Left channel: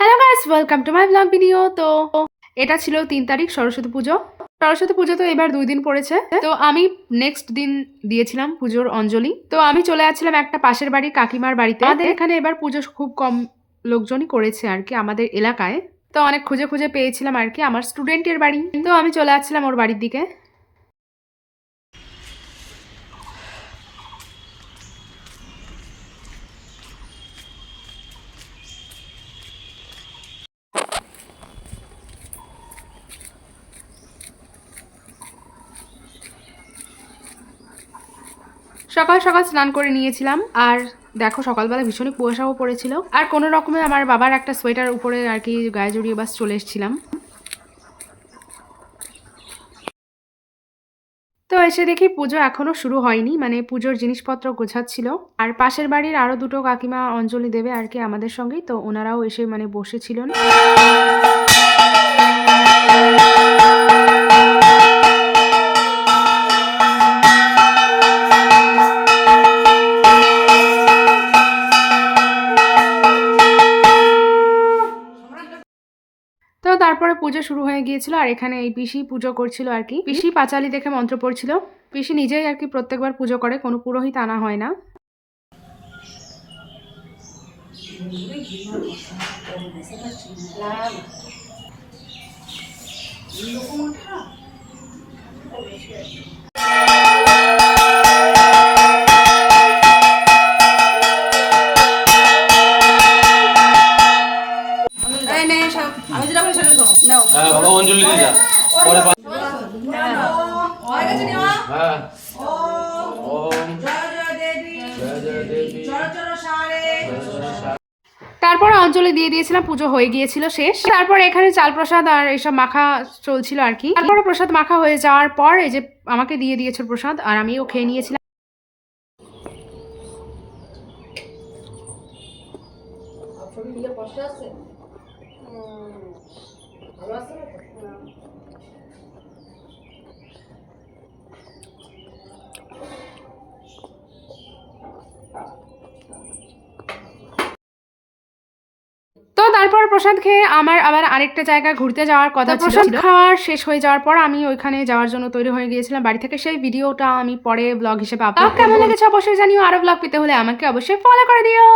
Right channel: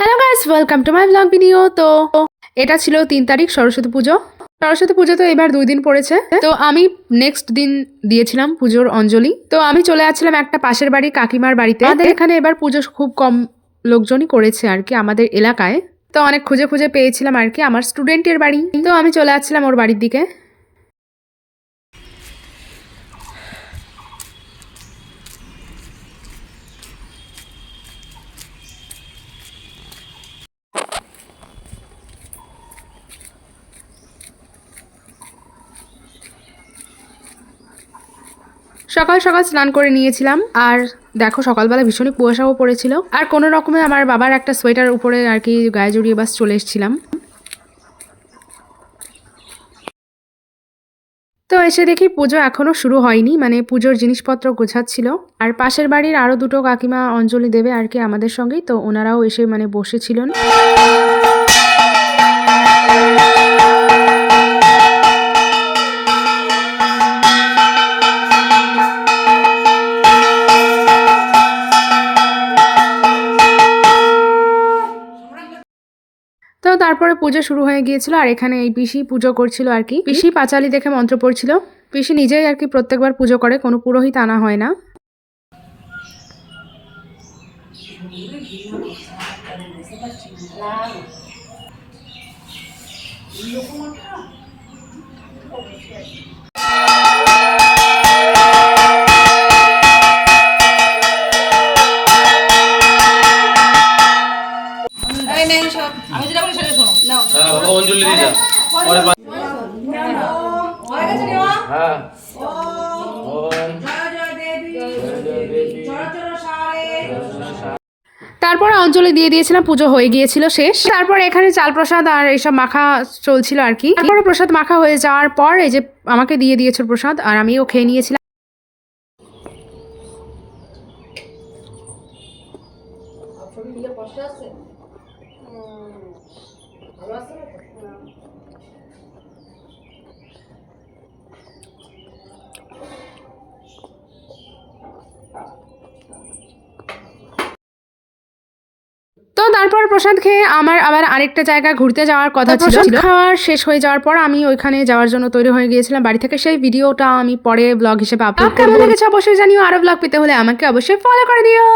Hello guys, welcome to my blog video. তো এটা ছিল 3 তারিখ সরস্বতী পুজো। সরস্বতী পুজো তো এবার 2 দিন পড়েছে। তো আমি নেক্সট দিন দিয়েছিলাম পুজোর অঞ্জলি। তো আমি চলে আসছিলাম একটা পাশের বাড়ি কাকিমার বাড়িতে। আমাদের এখানে এবার পুজো খুব কম লোকজনই করেছে আর কি আমাদের এলাকায়। তো অনেক খুঁজে খুঁজে পেয়েছিলাম আর কি আমার স্টুডেন্টের বাড়ি। তো আমি চলে আসছিলাম ওর বাড়ির দিকে। সকাল সকাল স্নান করে নিয়েছিলাম। আর দেখো সকালবেলা ভীষণই কুয়াশাও পড়েছিল। আর কোনো রকমে আমার বাবার একটা সোয়েটার উপরে আর কি গায়ে জড়িয়ে বাস চলে এসেছিলাম। তো এসে দেখি পুজো এখনো শুরু হয়নি, মানে পুজোর জিনিসপত্র গোছাচ্ছিল। আর পাশের বাড়ির আরো দুটো কাকিমা অঞ্জলি দেবে আর কি আমাদের সঙ্গেই, তো ওনারাও এসে মানে বসেছিলেন। তো তারপরে পুজো শুরু হয়ে গিয়েছিল। আর এখানে এই পিসি পুজো করছিল আর কি। পিসি পাঁচালি দেখে মন্ত্র পড়ছিল। পিসি নিজেই আর কি প্রত্যেকবার পুজো করে, কোনো পুরোহিত আনা হয় না। আমি যেটা বলি সেটা শোনো। নাও অঞ্জলি দিয়ে দাও। পরে হয়ে গেছে নিমা। হ্যাঁ। ওম জয় জয় দেবী জয় জয় দেবী জয় জয় সারে। তারপরে অঞ্জলি দিয়ে দিয়েছিলাম, পুজো হয়ে গিয়েছিল শেষ। তারপর এখানে চাল প্রসাদ আর এইসব মাখা চলছিল আর কি। তারপরে প্রসাদ মাখা হয়ে যাওয়ার পর এই যে আমাকে দিয়ে দিয়েছে প্রসাদ, আর আমিও খেয়ে নিয়েছিলাম। তো তারপর প্রসাদ খেয়ে আমার আবার আরেকটা জায়গায় ঘুরতে যাওয়ার কথা ছিল। খাওয়ার শেষ হয়ে যাওয়ার পর আমি ওইখানে যাওয়ার জন্য তৈরি হয়ে গিয়েছিলাম বাড়ি থেকে। সেই ভিডিওটা আমি পরে ব্লগ হিসেবে আপলোড করব। কেমন লেগেছে অবশ্যই জানিও। আরো ব্লগ পেতে হলে আমাকে অবশ্যই ফলো করে দিও।